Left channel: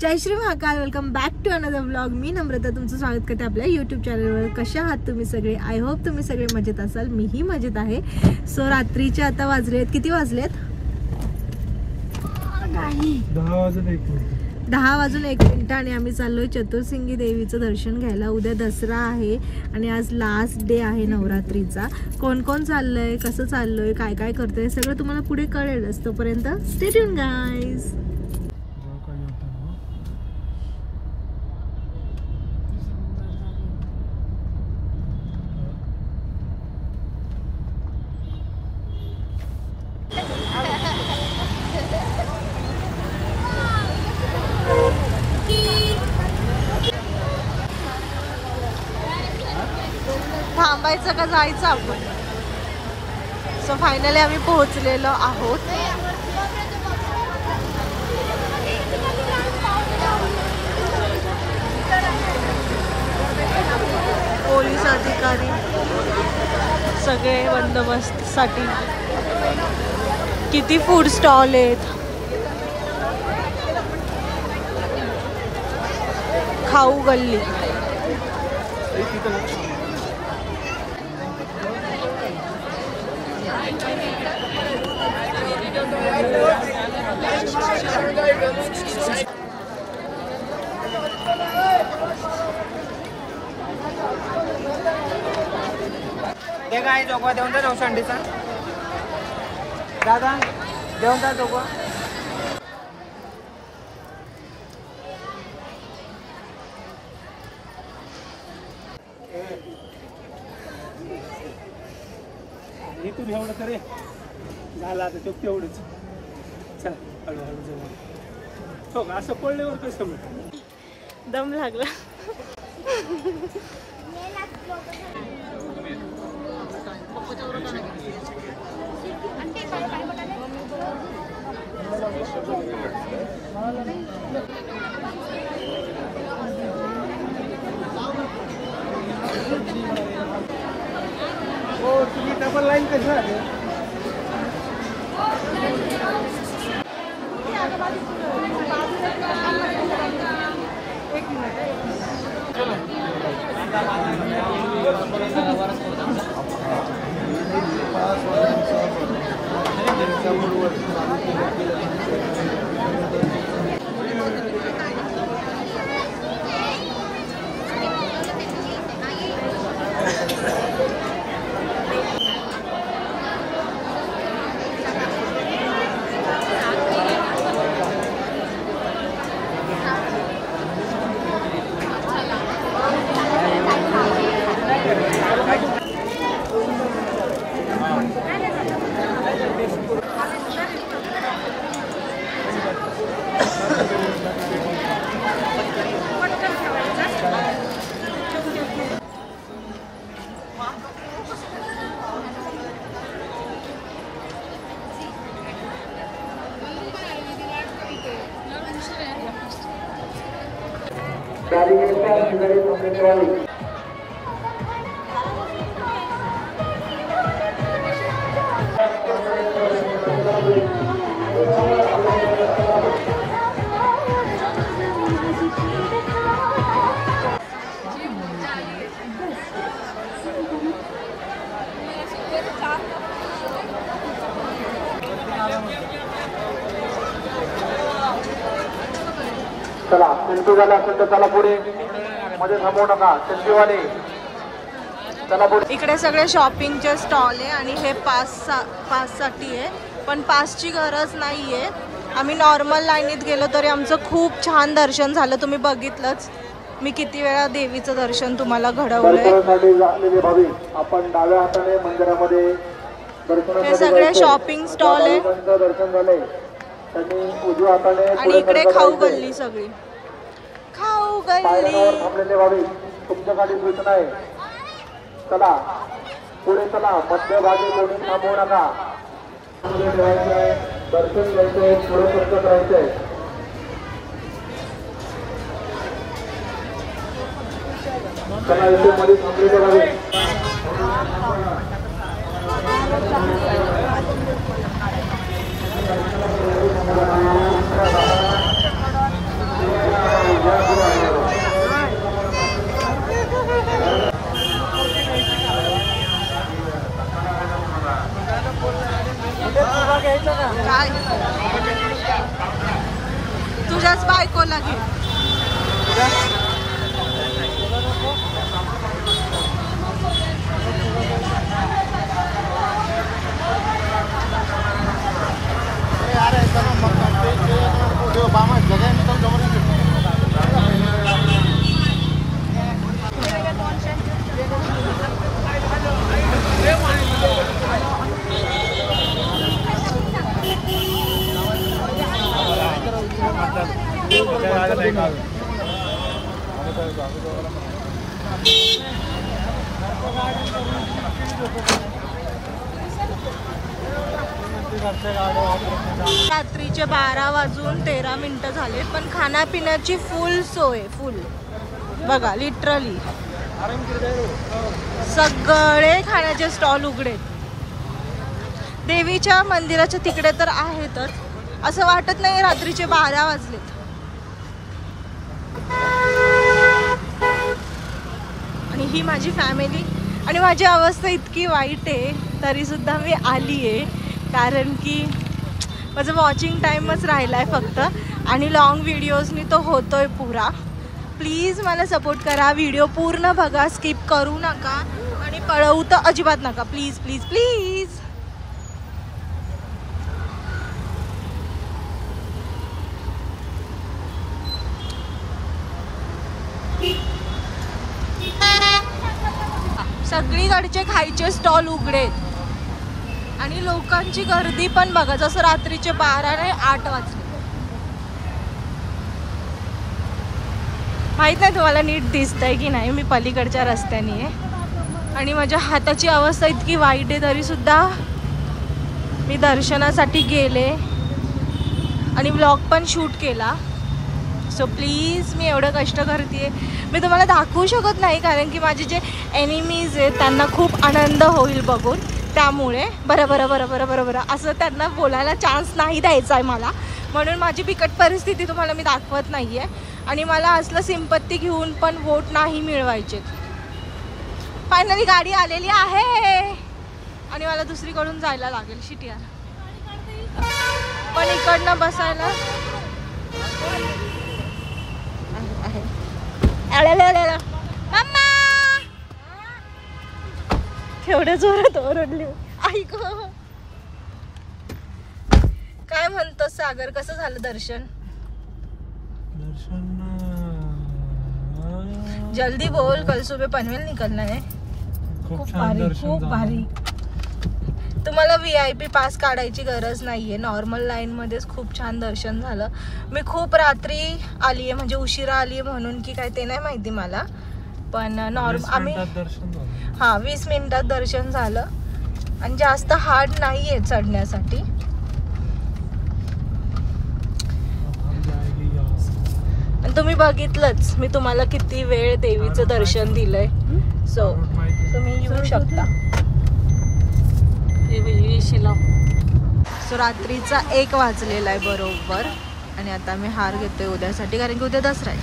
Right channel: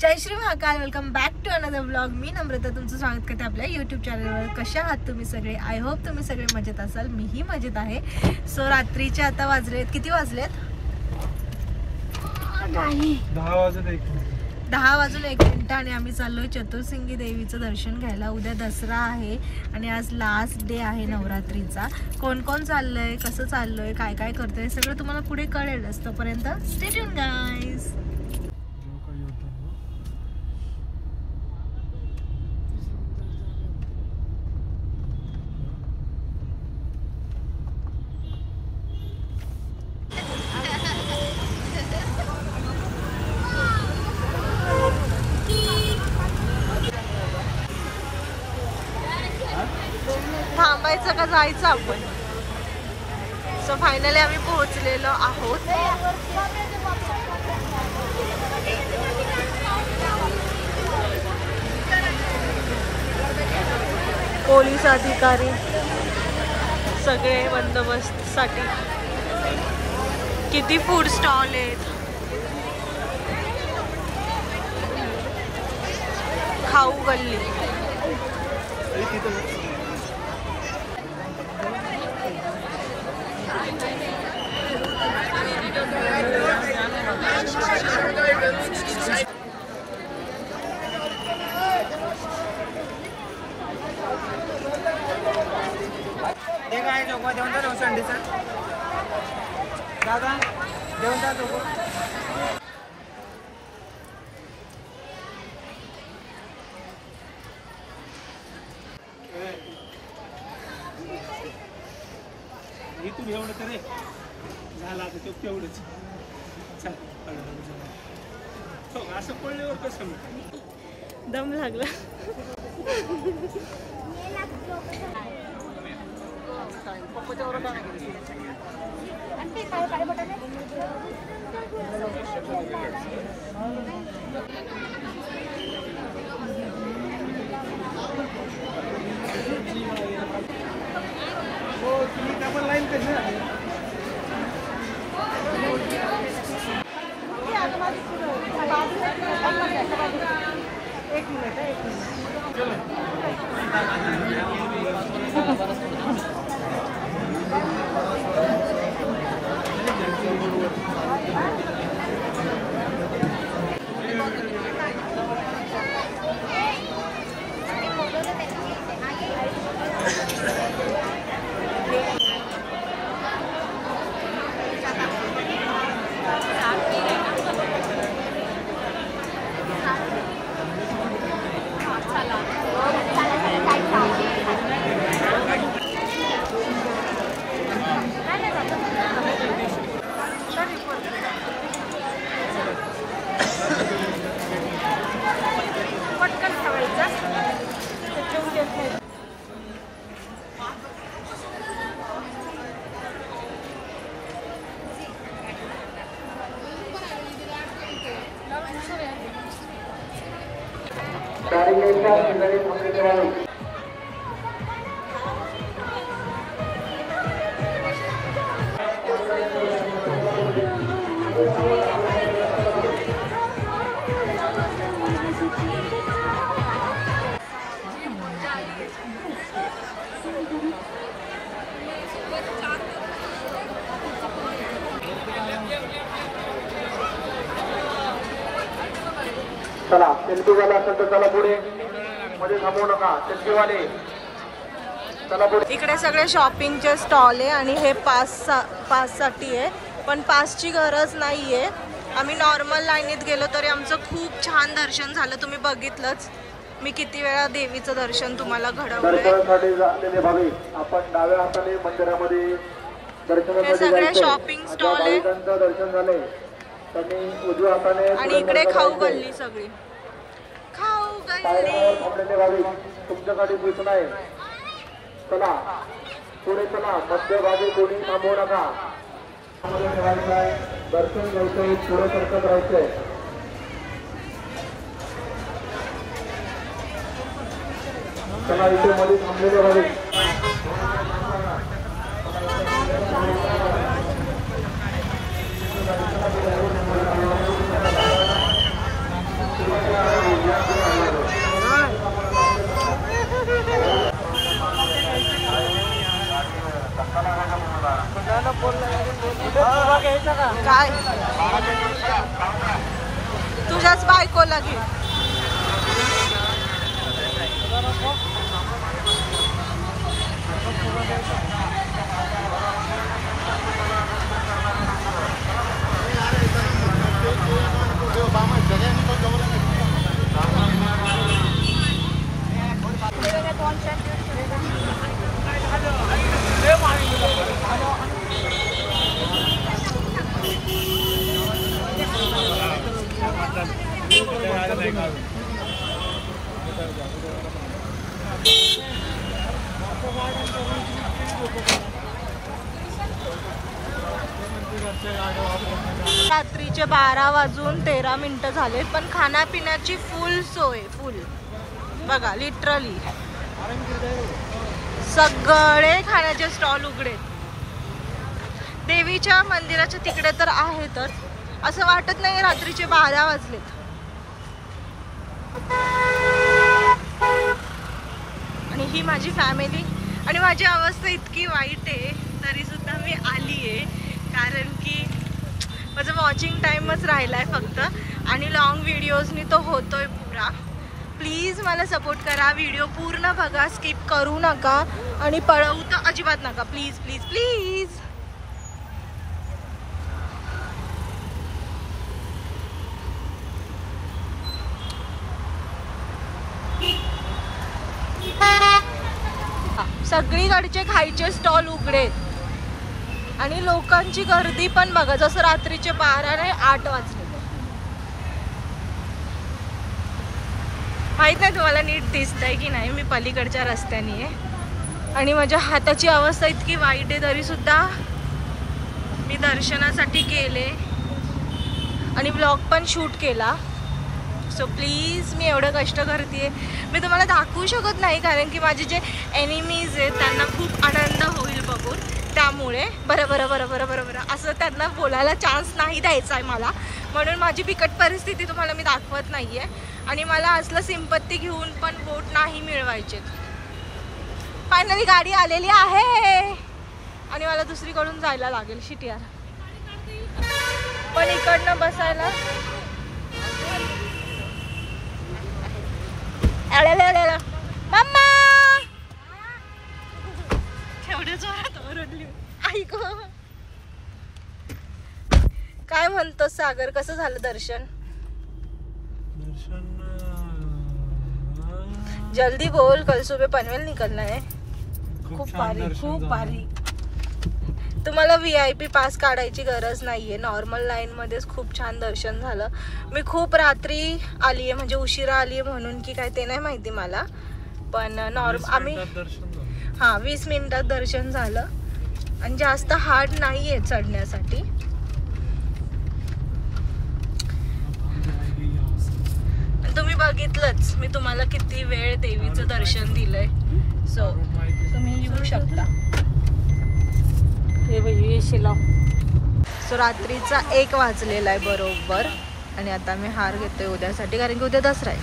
Jai Shri Mahakal. Welcome back to another vlog. मी नम्रता तुमचं स्वागत करते आपल्या यूट्यूब चॅनलवर. कशा आहात तुम्ही सगळे? आय होप तुम्ही सगळे मजेत असाल. मीही मजेत आहे. सो रात्रीचे आता वाजलेत, किती वाजलेत? 10 वाजून 1 मिनिट आणि आम्ही चाललोय चतुर्सिंगी देवीचं दर्शन घ्यायला. उद्या दसरा आहे आणि आज लास्ट डे आहे नवरात्रीचा. कोण कोण चाललंय, कसं चाललंय, काय काय करतोय सगळं तुम्हाला पुढे कळेलच. तोपर्यंत स्टे ट्यून गाईज. थांबायचं का जायचं आपण? सो फायनली आम्ही पोहोचलेलो आहोत. पोलीस अधिकारी सगळे बंदोबस्त साठी. किती फूड स्टॉल आहेत, खाऊ गल्ली. काय चौका देऊन का रोशंडीचा दादा देऊन का चौका. इथून एवढं करे झाला तर तेवढंच. चल हळूहळू झाला हो. असं पडल्यावर कसं दम लागला. लाईन कसं चला सेल्फी झाला असेल तर चला पुढे, मध्ये थांबवू नका. सेल्फीवाले चला पुढे. इकडे सगळे शॉपिंगचे स्टॉल आहे आणि हे पास साठी आहे, पण पासची गरज नाहीये. आम्ही नॉर्मल लाईनीत गेलो तरी आमचं खूप छान दर्शन झालं. तुम्ही बघितलंच मी किती वेळा देवीचं दर्शन तुम्हाला घडवलंय. आपण डाव्या हाताने मंदिरामध्ये हे सगळे शॉपिंग स्टॉल आहे दर्शन झाले. उजव्या हाताने आणि इकडे खाऊ गल्ली, सगळी खाऊ गल्ली. तुमच्यासाठी सूचना आहे, चला पुढे चला. मध्यभागी कोणी थांबवू नका. दर्शन घ्यायचंय, पुढे कष्ट करायचंय. चला मध्ये थांबलेले प्लस बायकोला घे. रात्रीचे 12:13 झालेत पण खाण्यापिण्याची फुल सोय. फुल बघा, लिटरली सगळे खाण्याचे स्टॉल उघडेत. देवीच्या मंदिराच्या तिकडे तर आहेतच, असं वाटत नाही रात्रीचे 12 वाजलेत. आणि ही माझी फॅमिली आणि माझी अवस्था इतकी वाईट आहे तरी सुद्धा मी आली आहे, कारण की माझं वॉचिंग टाईमच राहिला आहे फक्त आणि लॉंग व्हिडिओजनी तो होतोय पुरा. प्लीज मला सपोर्ट करा, व्हिडिओ पूर्ण बघा, स्किप करू नका आणि पळवू तर अजिबात नका. Please please please. सगळीकडचे खायचे स्टॉल उघडेत आणि लोकांची गर्दी पण बघा, जसं रात्रीचे 12 नाही 8 वाजले. माहित नाही तुम्हाला नीट दिसतंय की नाही, मी पलीकडच्या रस्त्याने आहे आणि माझ्या हाताची अवस्था इतकी वाईट आहे तरी सुद्धा मी दर्शनासाठी गेले आणि व्लॉग पण शूट केला. सो प्लीज, मी एवढं कष्ट करते. मी तुम्हाला दाखवू शकत नाही कारण की माझे जे एनिमीज आहेत त्यांना खूप आनंद होईल बघून, त्यामुळे बरं बरं बरं बरं बरं बरं असं त्यांना बोलायला चान्स नाही द्यायचा आहे मला, म्हणून माझी बिकट परिस्थिती तुम्हाला मी दाखवत नाही आहे. आणि मला असलं सिंपत्ती घेऊन पण वोट नाही मिळवायचे. फायनली गाडी आलेली आहे आणि मला दुसरीकडून जायला लागेल. शिट यार, पण इकडनं बसायला मम्मा केवढ्या जोरात ओरडली. ऐक, काय म्हणतो सागर, कसं झालं दर्शन? जल्दी बोल, कल सुबह पनवेल निकलना है. खूप भारी, खूप भारी. तुम्हाला VIP पास काढायची गरज नाहीये, नॉर्मल लाईन मध्येच खूप छान दर्शन झालं. मी खूप रात्री आली आहे, म्हणजे उशिरा आली आहे म्हणून की काय ते नाही माहिती मला, पण आम्ही 20 मिनिटात दर्शन झालं आणि जास्त हार्ड नाहीये चढण्यासाठी. तुम्ही बघितलंच मी तुम्हाला किती वेळ देवीचं दर्शन दिलंय. सो तुम्ही येऊ शकता. तो रात्रीचा 1 वाजलेला आहे बरोबर आणि आता मी हार घेतोय उद्यासाठी, कारण की उद्या दसरा आहे.